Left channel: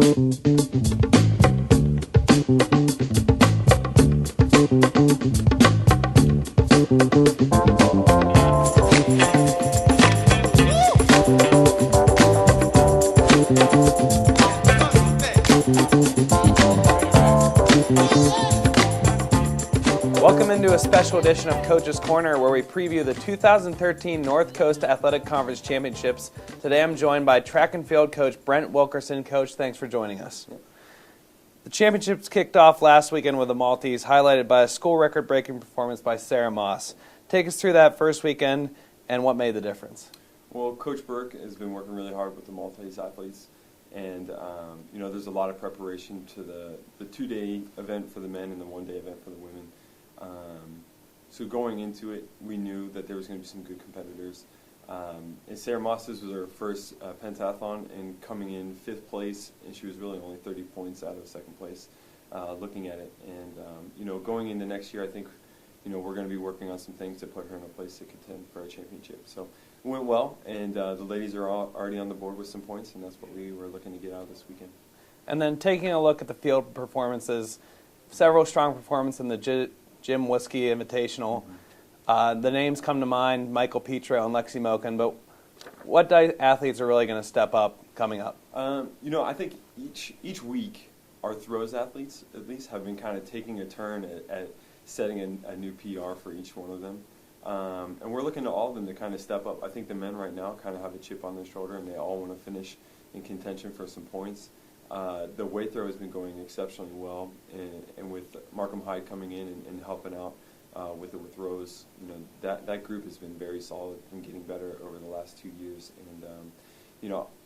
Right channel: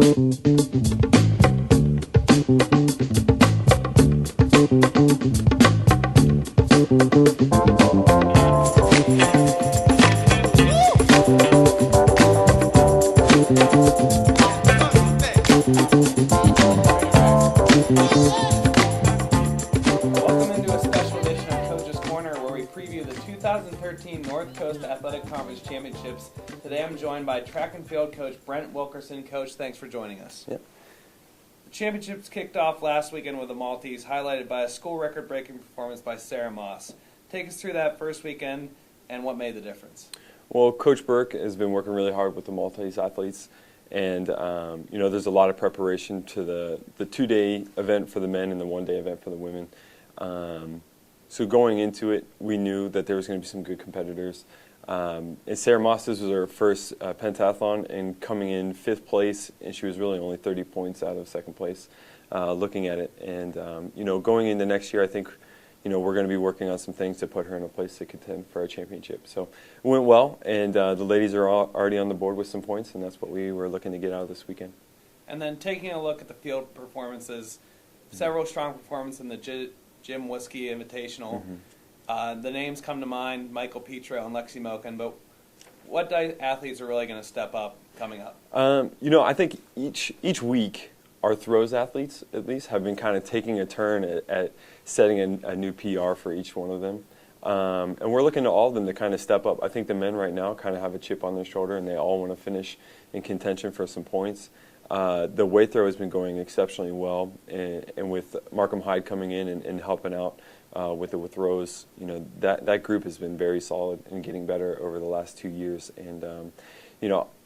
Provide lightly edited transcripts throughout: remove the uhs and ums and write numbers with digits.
Welcome into a special edition of Coach's Corner, where we preview the 2013 North Coast Athletic Conference Championships. Today I'm joined by track and field coach Brent Wilkerson. Coach, thanks for joining us. Yep. The championships kicked off last weekend with the Maltese, highlighted by a school record-breaking performance by Sarah Moss. Take us through that first weekend and what made the difference. Well, Coach Burke has been working really hard with the Maltese athletes, and there's a lot of preparation to the two-day event for the men and the one-day event for the women. So going into it, we knew that there was going to be some good competitors. And Sarah Moss, this was her first pentathlon, and coming in 5th place, and she was really only 30 points out of 2nd place looking at it. And, going into next year, I think, we're going to be working on some things to put her in a place to contend for a championship. So it went well, and the ladies are already on the board with some points, and that's what we were looking to get out of this weekend. And then taking a look at the field performances, several strong performances in the Jim Whiskey Invitational. Mm-hmm. The names come to mind, Michael Petro and Lexi Moken, but what athletes are really going to step up coming up? I think each week our throws athletes, at least, have been kind of taking a turn at setting a new PR for each one of them. And we're looking to all of them to kind of step up. I think the men right now kind of have a chip on their shoulder, and they all want to finish in contention for some points. The weight throw has been going exceptionally well, and with Markham Hyde coming in and helping out with throws, that group has been very solid and getting better over the last 2 years. And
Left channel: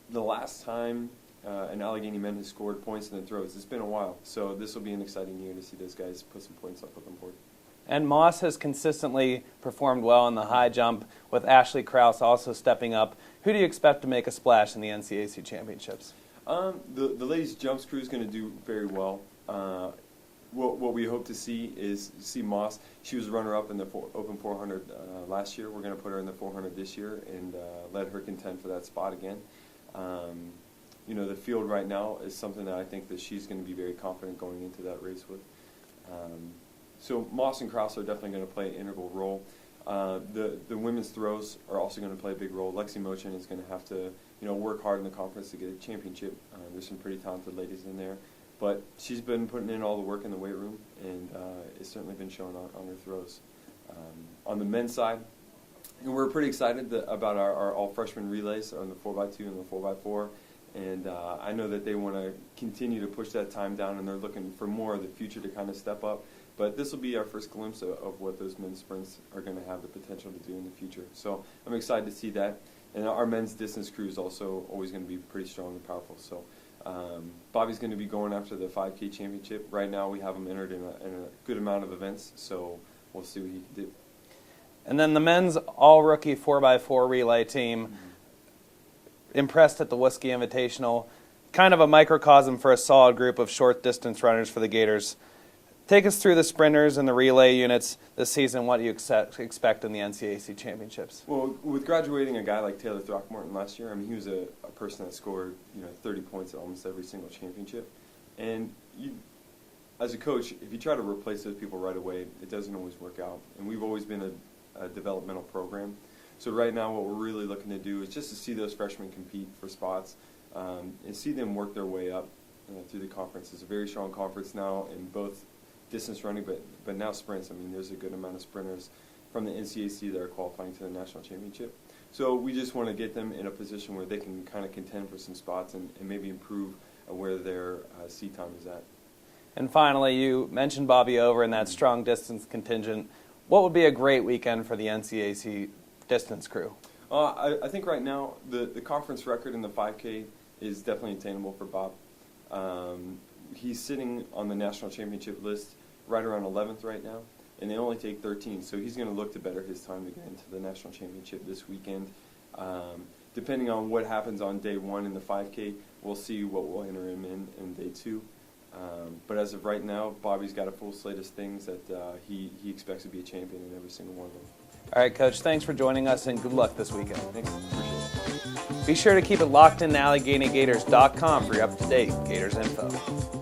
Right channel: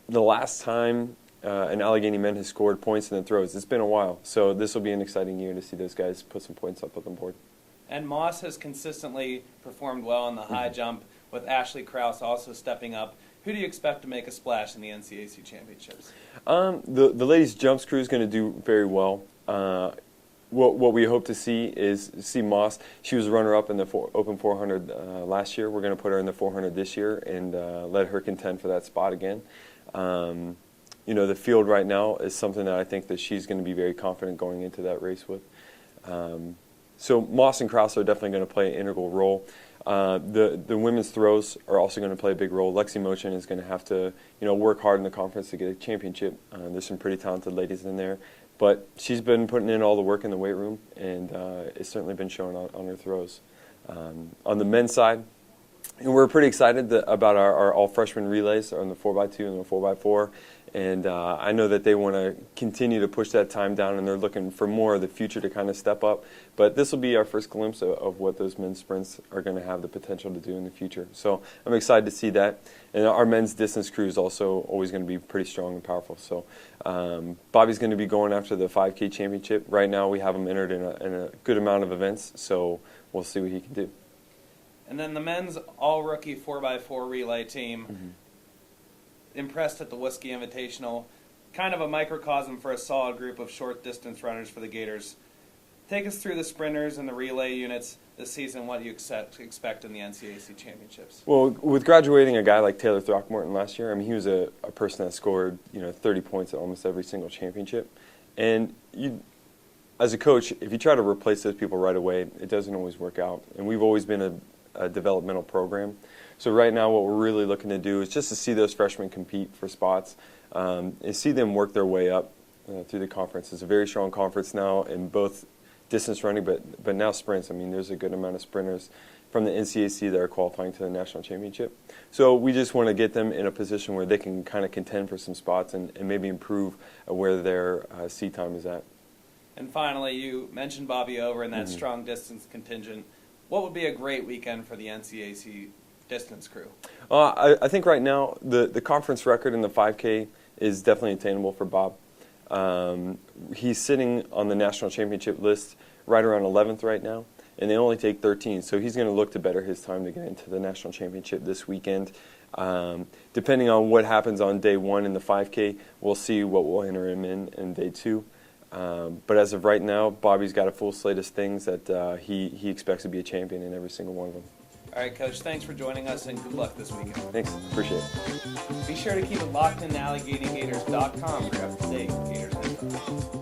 the last time an Allegheny men has scored points in the throws, it's been a while. So this will be an exciting year to see those guys put some points up on the board. And Moss has consistently performed well in the high jump, with Ashley Krause also stepping up. Who do you expect to make a splash in the NCAC championships? The ladies' jumps crew is going to do very well. What we hope to see is Moss. She was runner-up in the Open 400 last year. We're going to put her in the 400 this year and let her contend for that spot again. The field right now is something that I think that she's going to be very confident going into that race with. So Moss and Krause are definitely going to play an integral role. The women's throws are also going to play a big role. Lexi Mochen is going to have to work hard in the conference to get a championship. There's some pretty talented ladies in there, but she's been putting in all the work in the weight room, and it's certainly been showing on her throws. On the men's side, and we're pretty excited about our all-freshman relays on the 4x2 and the 4x4. And I know that they want to continue to push that time down, and they're looking for more of the future to kind of step up. But this will be our first glimpse of what those men's sprints are going to have the potential to do in the future. So I'm excited to see that. And our men's distance crew is also always going to be pretty strong and powerful. So Bobby's going to be going after the 5K championship. Right now we have him entered in a good amount of events, so we'll see what he can do. And then the men's all-rookie 4x4 relay team. Mm-hmm. Impressed at the Whiskey Invitational, kind of a microcosm for a solid group of short distance runners for the Gators. Take us through the sprinters and the relay units this season. What do you expect in the NCAC championships? Well, with graduating a guy like Taylor Throckmorton last year, he was a person that scored 30 points at almost every single championship. And as a coach, if you try to replace those people right away, it doesn't always work out. And we've always been a developmental program. So right now what we're really looking to do is just to see those freshmen compete for spots and see them work their way up through the conference. It's a very strong conference now in both distance running, but now sprints. There's a good amount of sprinters from the NCAC that are qualifying to the national championship. So we just want to get them in a position where they can kind of contend for some spots and maybe improve where their seat time is at. And finally, you mentioned Bobby Over and that strong distance contingent. What would be a great weekend for the NCAC distance crew? I think right now the conference record in the 5K is definitely attainable for Bob. He's sitting on the national championship list right around 11th right now, and they only take 13, so he's going to look to better his time to get into the national championship this weekend. Depending on what happens on day 1 in the 5K, we'll see what we'll enter him in day 2. But as of right now, Bobby's got a full slate of things that he expects to be a champion in every single one of them. All right, Coach, thanks for joining us, and good luck this weekend. Thanks. Appreciate it. Be sure to keep it locked in to AlleghenyGators.com for your up-to-date Gators info.